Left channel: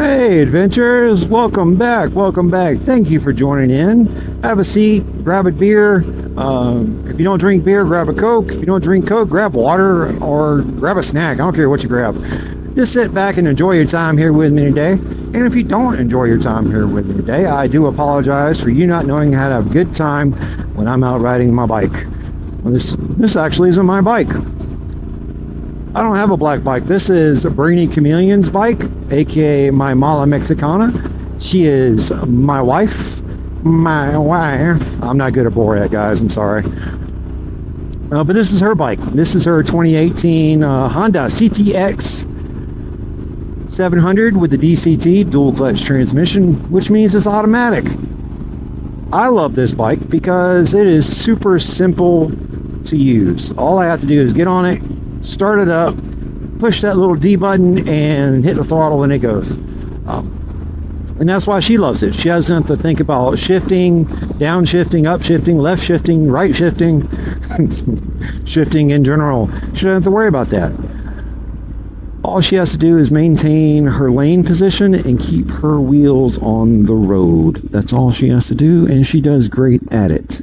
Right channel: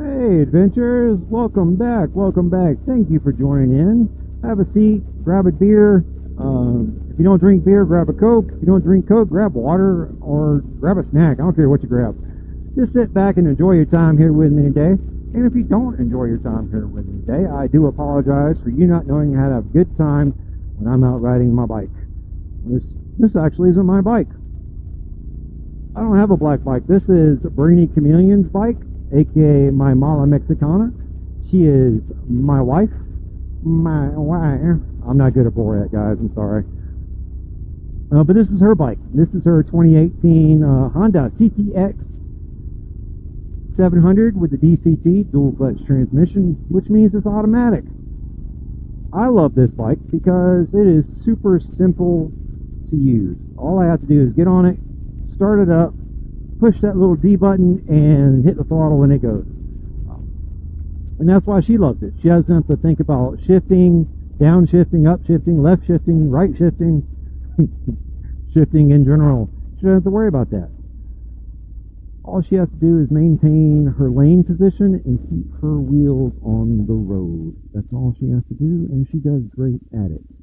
Hey, adventurers, welcome back. Thank you for joining in. Have a seat, grab a beer. If you don't drink beer, grab a Coke. If you don't drink Coke, grab water or grab a snack. I don't care what you grab. Just sit back and enjoy your time here with me today. And if you don't enjoy your time here with me today, I do apologize for you not knowing how to have a good time when I'm out riding my bike. Well, this actually isn't my bike. I don't have a black bike. This is Brainy Chameleon's bike, aka my Mala Mexicana. She is my wife. I'm not good at Borat, guys. I'm sorry. But this is her bike. This is her 2018 Honda CTX 700 with the DCT, dual clutch transmission, which means it's automatic. I love this bike because it is super simple to use. All I have to do is get on it, start it up, push that little D button and hit the throttle and it goes. And that's why she loves it. She doesn't have to think about shifting, downshifting, upshifting, left shifting, right shifting, shifting in general. She doesn't have to worry about that. All she has to do is maintain her lane position and keep her wheels on the road. That's all she has to do, and she does great at it.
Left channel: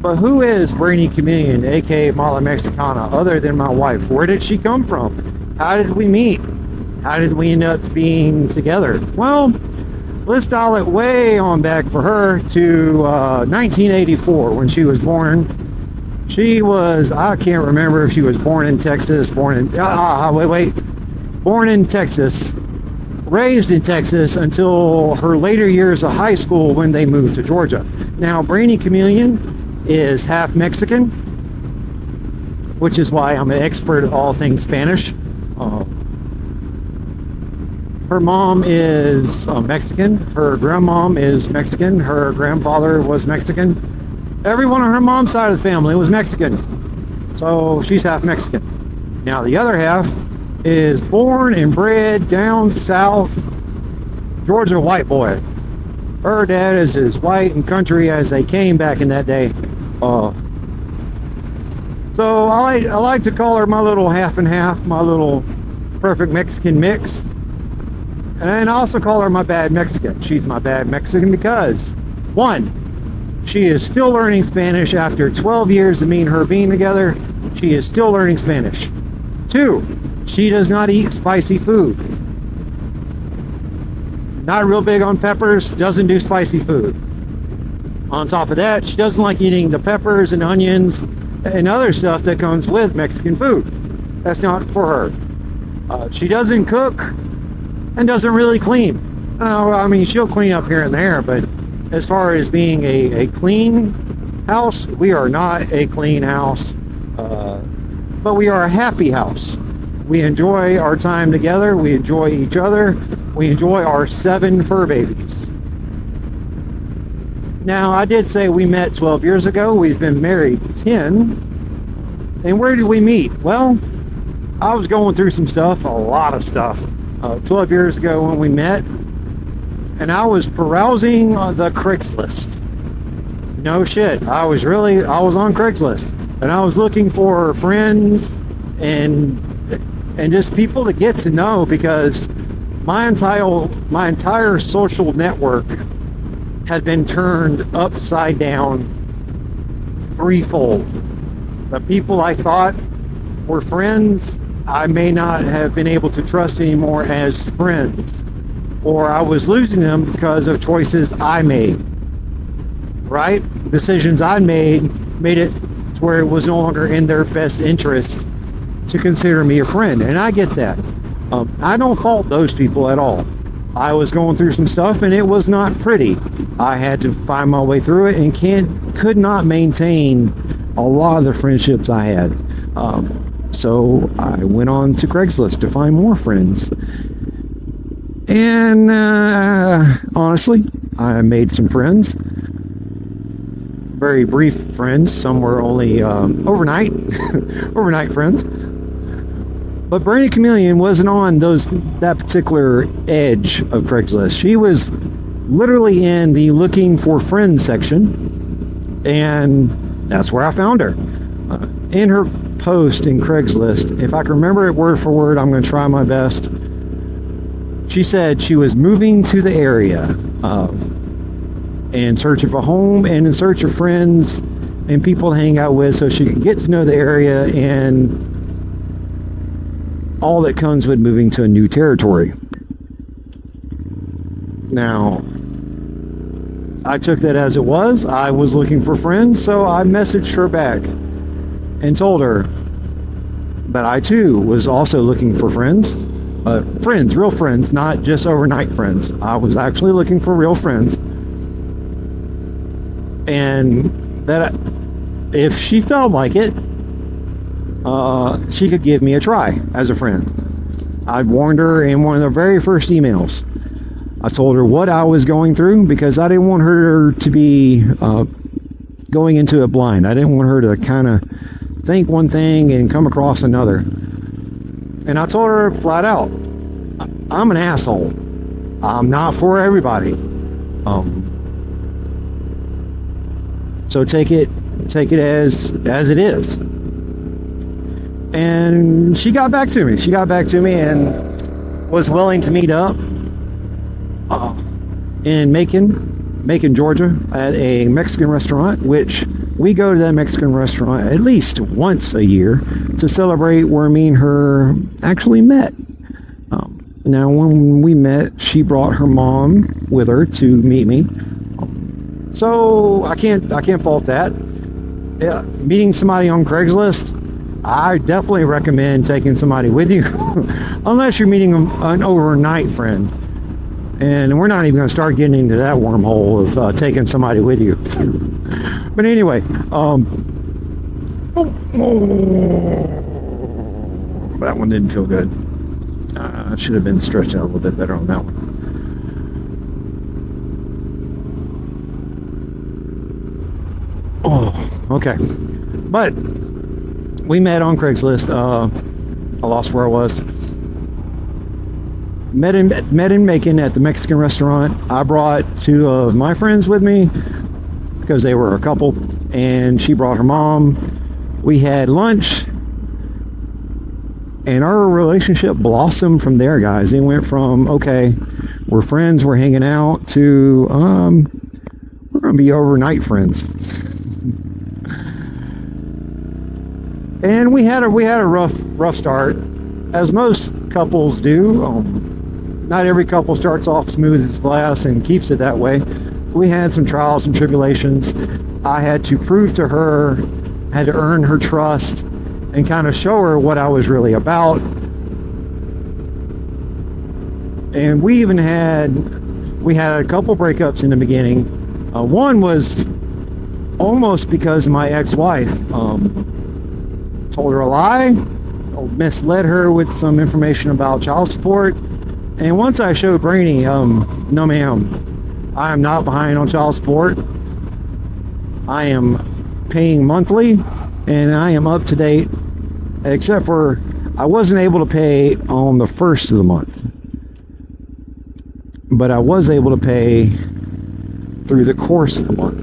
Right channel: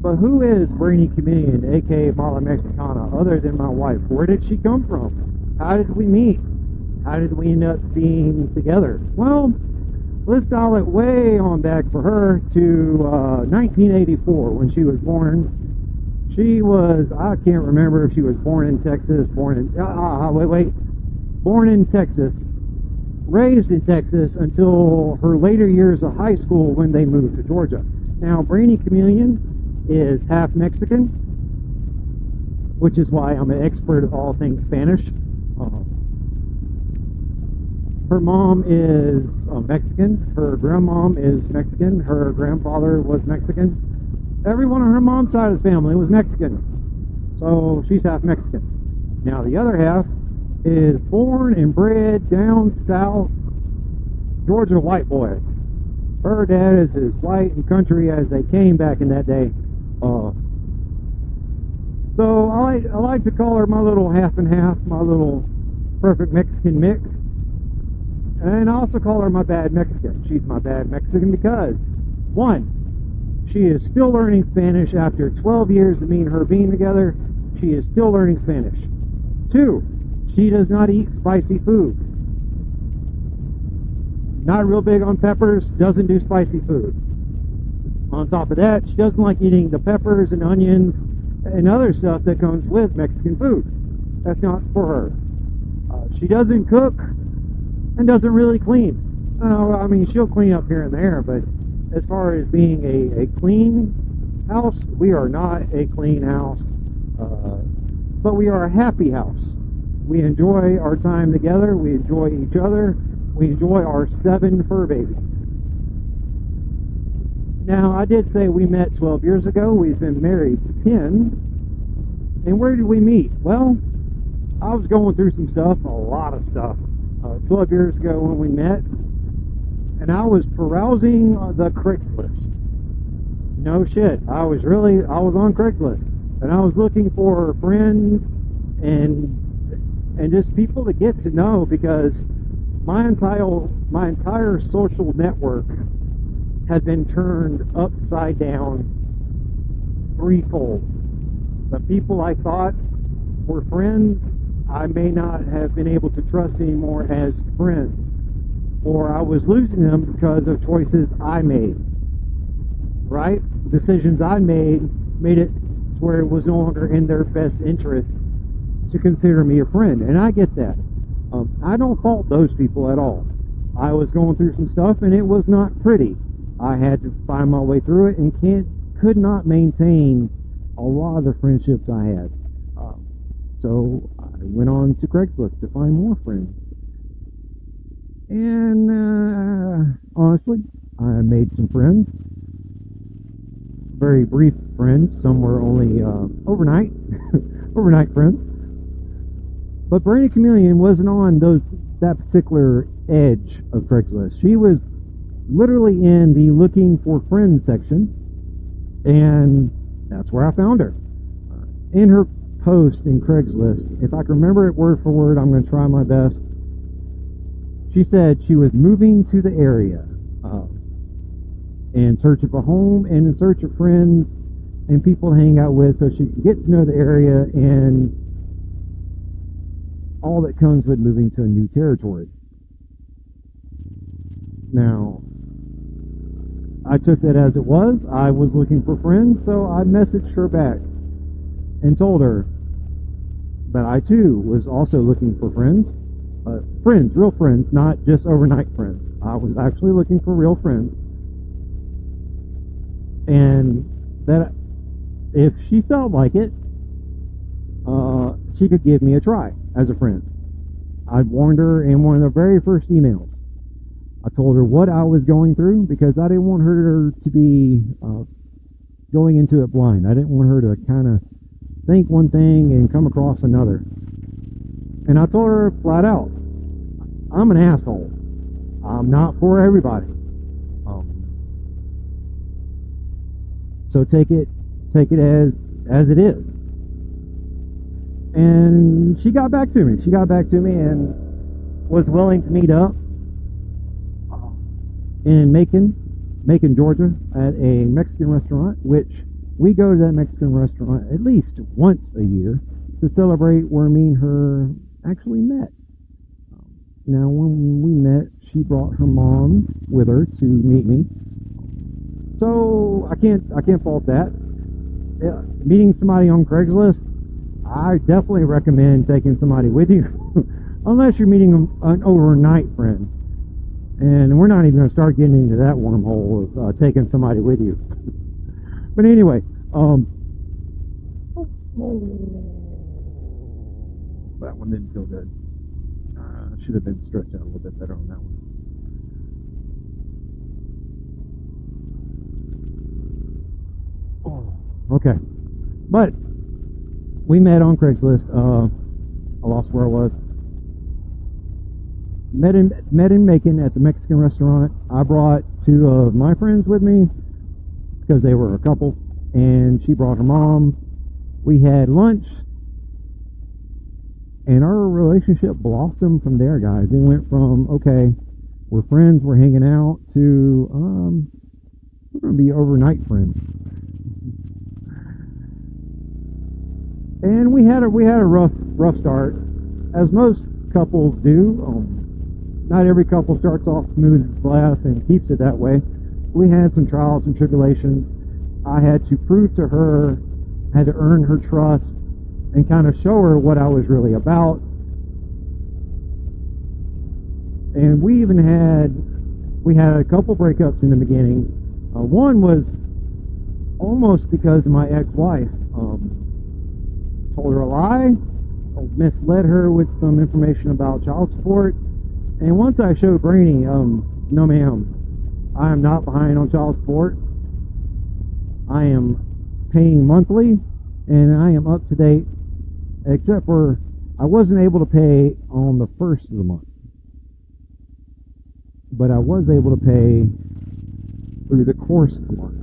But who is Brainy Chameleon, aka Mala Mexicana, other than my wife? Where did she come from? How did we meet? How did we end up being together? Well, let's dial it way on back for her to 1984 when she was born. She was, I can't remember if she was born in Texas, born in Texas, raised in Texas until her later years of high school when they moved to Georgia. Now, Brainy Chameleon is half Mexican, which is why I'm an expert at all things Spanish. Her mom is Mexican, her grandmom is Mexican, her grandfather was Mexican. Everyone on her mom's side of the family was Mexican, so she's half Mexican. Now the other half is born and bred down south, Georgia white boy. Her dad is as white and country as they came back in that day. So I like to call her my little half and half, my little perfect Mexican mix. And I also call her my bad Mexican. She's my bad Mexican because, one, she is still learning Spanish after 12 years of me and her being together. She is still learning Spanish. Two, she does not eat spicy food. Not real big on peppers, doesn't do spicy food. On top of that, she doesn't like eating the peppers and onions and other stuff that comes with Mexican food. That's not for her. She doesn't cook and doesn't really clean. I mean, she'll clean up here and there, but as far as being a clean house, we are not a clean house, but we are a happy house. We enjoy our time together. We enjoy each other. We enjoy our 7 fur babies. Now, I did say we met 12 years ago. We've been married 10. And where did we meet? Well, I was going through some stuff, a lot of stuff, 12 years ago when we met. And I was perusing the Craigslist. No shit. I was on Craigslist. And I was looking for friends and just people to get to know, because my entire social network had been turned upside down threefold. The people I thought were friends, I may not have been able to trust anymore as friends, or I was losing them because of choices I made, right? Decisions I made it to where it was no longer in their best interest to consider me a friend, and I get that. I don't fault those people at all. I was going through some stuff and it was not pretty. I had to find my way through it and could not maintain a lot of the friendships I had. So I went on to Craigslist to find more friends. And honestly, I made some friends. Very brief friends. Some were only overnight friends. But Brainy Chameleon wasn't on that particular edge of Craigslist. She was literally in the looking for friends section, and that's where I found her. In her post in Craigslist. If I can remember it word for word, I'm going to try my best. She said she was moving to the area in search of a home and in search of friends and people to hang out with so she could get to know the area and all that comes with moving to a new territory. Now, I took that as it was. I was looking for friends, so I messaged her back and told her that I too was also looking for friends. Friends, real friends, not just overnight friends. I was actually looking for real friends. And that if she felt like it, she could give me a try as a friend. I warned her in one of the very first emails. I told her what I was going through because I didn't want her to be going into it blind. I didn't want her to kind of think one thing and come across another. And I told her flat out, I'm an asshole. I'm not for everybody. So take it as it is. And she got back to me. She got back to me and was willing to meet up in Macon, Georgia, at a Mexican restaurant, which we go to that Mexican restaurant at least once a year to celebrate where me and her actually met. Now, when we met, she brought her mom with her to meet me. So I can't fault that. Yeah, meeting somebody on Craigslist, I definitely recommend taking somebody with you, unless you're meeting an overnight friend. And we're not even going to start getting into that wormhole of taking somebody with you. But anyway, that one didn't feel good. I should have been stretched out a little bit better on that one. Oh, okay. But we met on Craigslist. I lost where I was. Met in Macon at the Mexican restaurant. I brought two of my friends with me because they were a couple, and she brought her mom. We had lunch, and our relationship blossomed from there, guys. It went from, okay, we're friends, we're hanging out, to we're gonna be overnight friends. And we had a rough start, as most couples do. Not every couple starts off smooth as glass and keeps it that way. We had some trials and tribulations. I had to prove to her, had to earn her trust, and kind of show her what I was really about. And we had a couple breakups in the beginning. One was almost because my ex-wife told her a lie, misled her with some information about child support. And once I showed Brainy, no ma'am, I am not behind on child support. I am paying monthly, and I am up to date, except for I wasn't able to pay on the first of the month. But I was able to pay through the course of the month.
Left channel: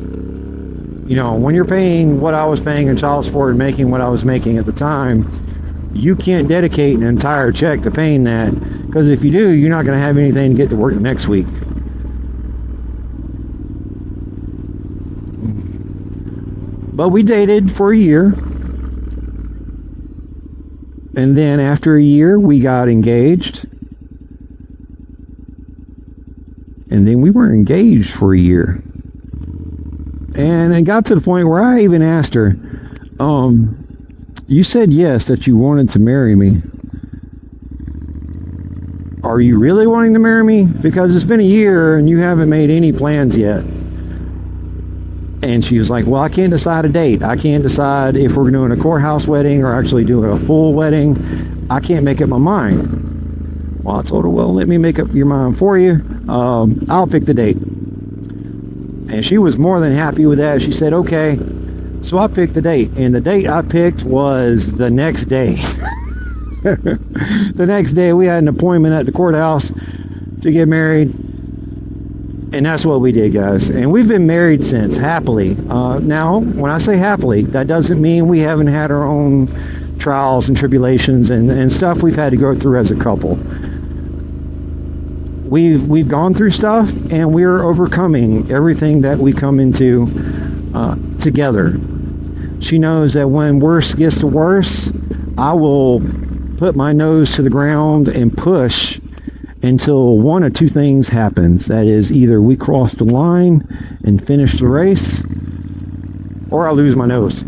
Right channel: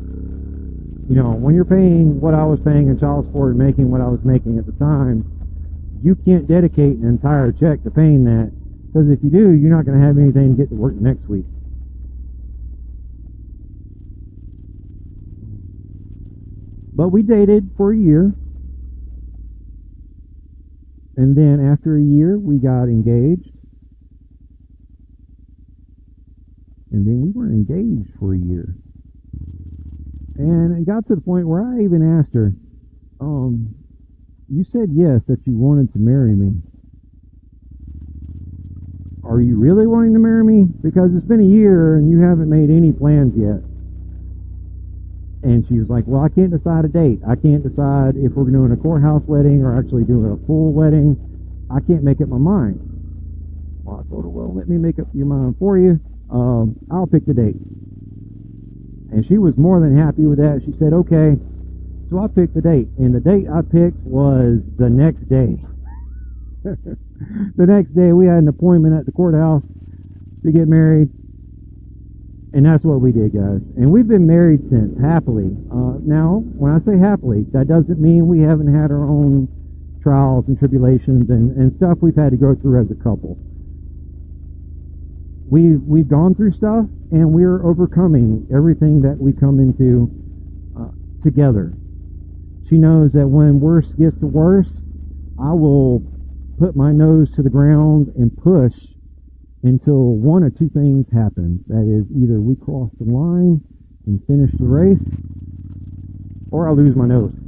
You know, when you're paying what I was paying in child support and making what I was making at the time, you can't dedicate an entire check to paying that, because if you do, you're not going to have anything to get to work next week. But we dated for a year, and then after a year we got engaged, and then we were engaged for a year. And it got to the point where I even asked her, you said yes, that you wanted to marry me. Are you really wanting to marry me? Because it's been a year and you haven't made any plans yet. And she was like, well, I can't decide a date. I can't decide if we're doing a courthouse wedding or actually doing a full wedding. I can't make up my mind. Well, I told her, well, let me make up your mind for you. I'll pick the date. And she was more than happy with that. She said, okay. So I picked the date, and the date I picked was the next day. The next day we had an appointment at the courthouse to get married, and that's what we did, guys. And we've been married since, happily. Now, when I say happily, that doesn't mean we haven't had our own trials and tribulations and stuff we've had to go through as a couple. We've gone through stuff, and we're overcoming everything that we come into together. She knows that when worse gets to worse, I will put my nose to the ground and push until one of two things happens. That is, either we cross the line and finish the race, or I lose my nose.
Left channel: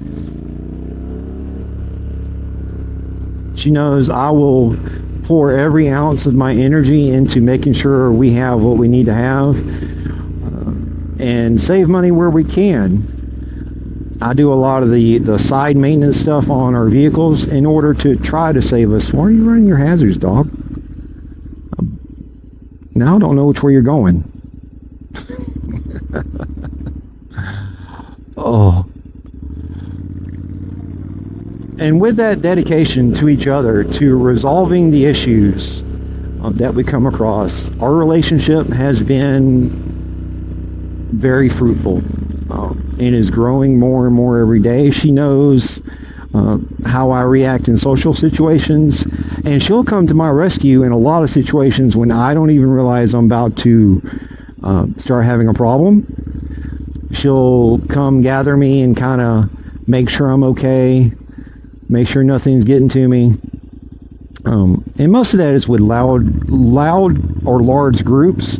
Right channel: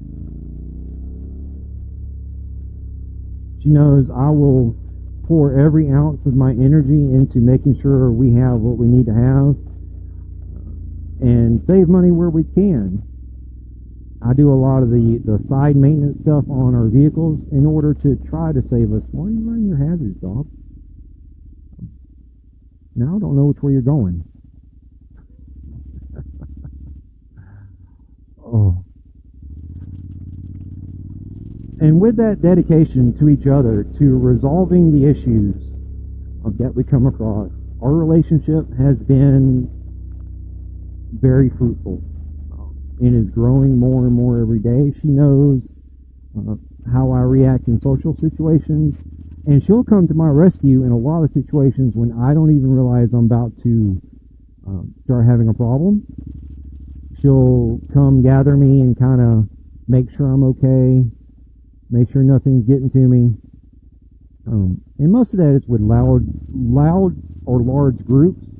She knows I will pour every ounce of my energy into making sure we have what we need to have, and save money where we can. I do a lot of the side maintenance stuff on our vehicles in order to try to save us. Why are you running your hazards, dog? Now I don't know which way you're going. Oh. And with that dedication to each other, to resolving the issues that we come across, our relationship has been very fruitful. It is growing more and more every day. She knows how I react in social situations, and she'll come to my rescue in a lot of situations when I don't even realize I'm about to start having a problem. She'll come gather me and kind of make sure I'm okay, make sure nothing's getting to me. And most of that is with loud or large groups.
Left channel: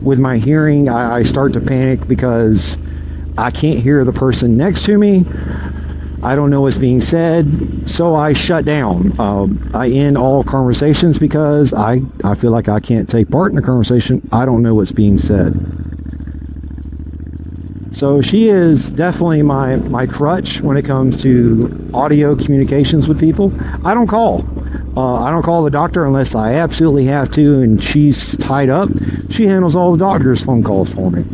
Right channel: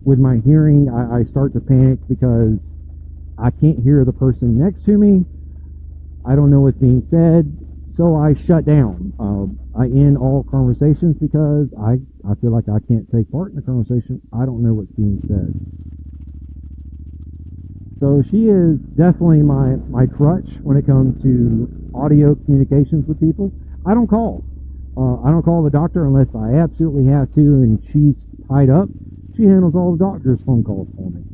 With my hearing, I start to panic because I can't hear the person next to me. I don't know what's being said, so I shut down. I end all conversations because I feel like I can't take part in the conversation. I don't know what's being said. So she is definitely my crutch when it comes to audio communications with people. I don't call. I don't call the doctor unless I absolutely have to and she's tied up. She handles all the doctor's phone calls for me.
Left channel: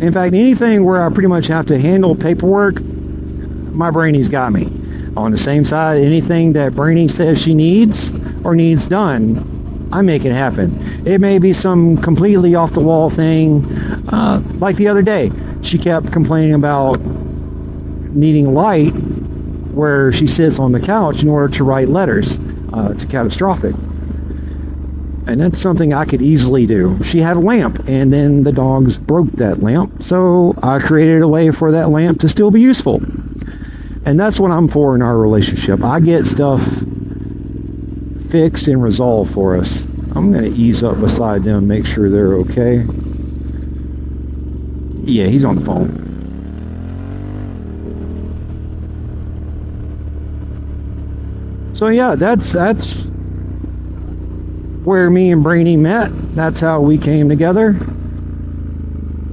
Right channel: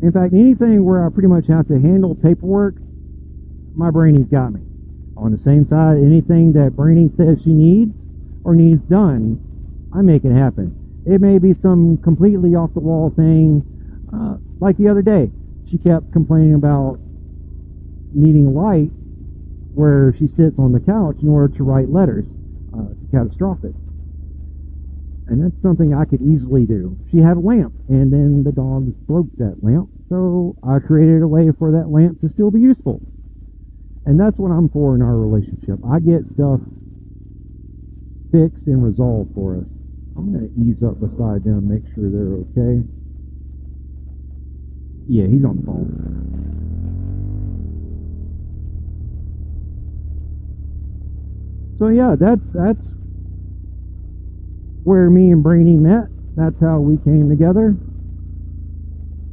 In fact, anything where I pretty much have to handle paperwork, my Brainy's got me. On the same side, anything that Brainy says she needs or needs done, I make it happen. It may be some completely off the wall thing, like the other day. She kept complaining about needing light where she sits on the couch in order to write letters to Catastrophic. And that's something I could easily do. She had a lamp, and then the dogs broke that lamp, so I created a way for that lamp to still be useful. And that's what I'm for in our relationship. I get stuff fixed and resolved for us. I'm going to ease up beside them, make sure they're okay. Yeah, he's on the phone. So yeah, that's where me and Brainy met. That's how we came together.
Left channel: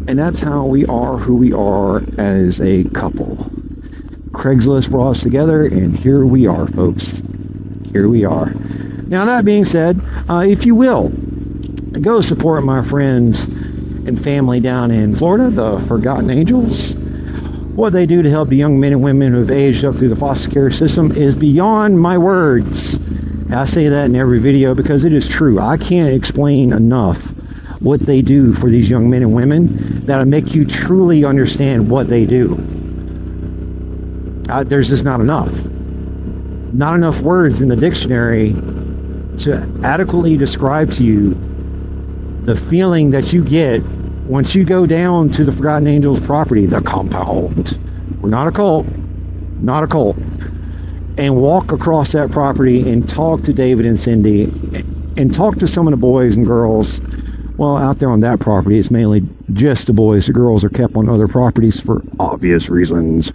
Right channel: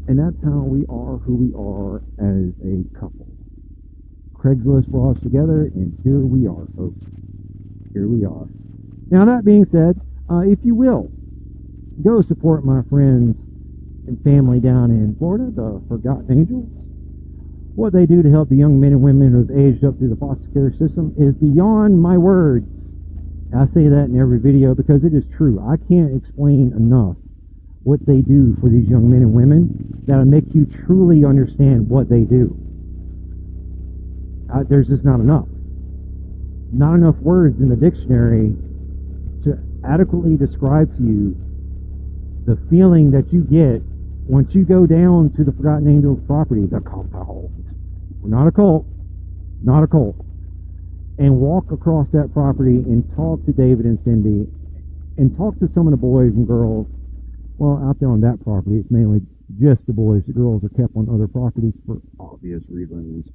And that's how we are who we are as a couple. Craigslist brought us together, and here we are, folks. Here we are. Now, that being said, if you will, go support my friends and family down in Florida, the Forgotten Angels. What they do to help the young men and women who have aged up through the foster care system is beyond my words. I say that in every video because it is true. I can't explain enough what they do for these young men and women that'll make you truly understand what they do. There's just not enough. Not enough words in the dictionary to adequately describe to you the feeling that you get once you go down to the Forgotten Angels property, the compound. We're not a cult. Not a cult. And walk across that property and talk to David and Cindy and talk to some of the boys and girls. Well, out there on that property, it's mainly just the boys. The girls are kept on other properties for obvious reasons.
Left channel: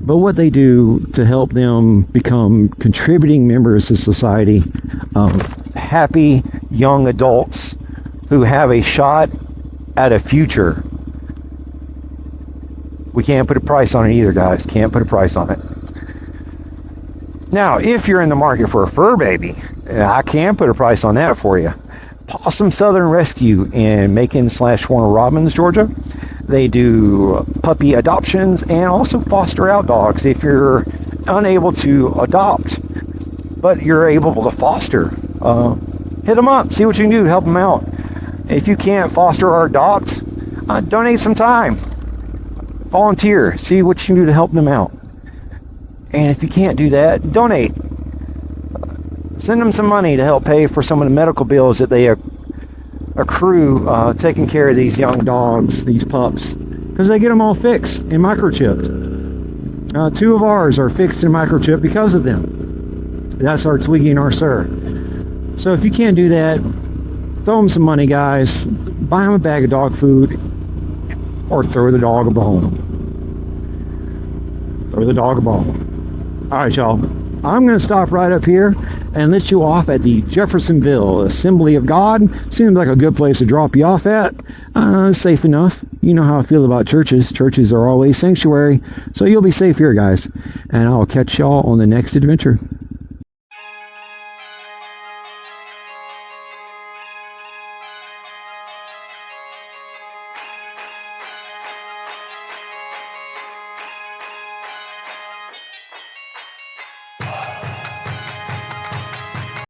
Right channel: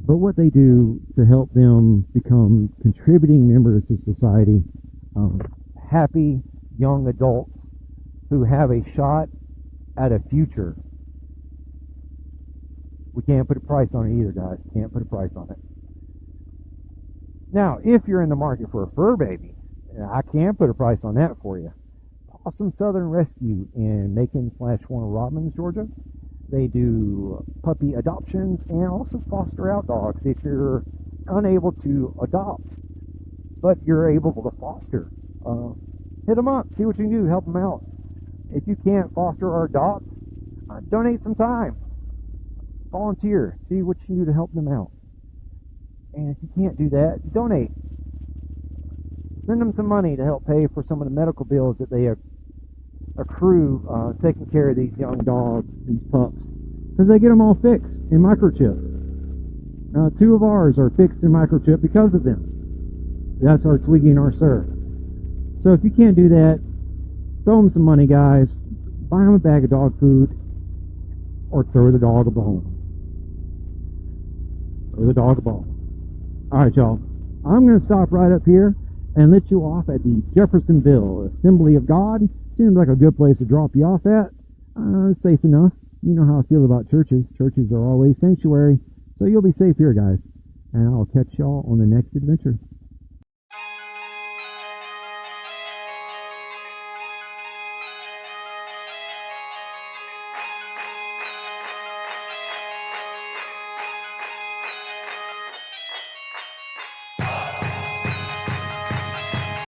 But what they do to help them become contributing members of society, happy young adults who have a shot at a future. We can't put a price on it either, guys. Can't put a price on it. Now, if you're in the market for a fur baby, I can put a price on that for you. Possum Southern Rescue in Macon/Warner Robins, Georgia. They do puppy adoptions and also foster out dogs. If you're unable to adopt, but you're able to foster, hit them up. See what you can do to help them out. If you can't foster or adopt, donate some time. Volunteer. See what you can do to help them out. And if you can't do that, donate. Send them some money to help pay for some of the medical bills that they accrue taking care of these young dogs, these pups, because they get them all fixed and microchipped. 2 of ours are fixed and microchipped because of them. That's our Twiggy and our Sir. So if you can't do that, throw them some money, guys. Buy them a bag of dog food, or throw the dog a bone. Throw the dog a bone. All right, y'all. I'm going to stop right up here and let you off at the Jeffersonville Assembly of God. Seems like a good place to drop you off at. Safe enough. You know how I feel about churches. Churches are always sanctuary. So you'll be safe here, guys. And I'll catch y'all on the next adventure.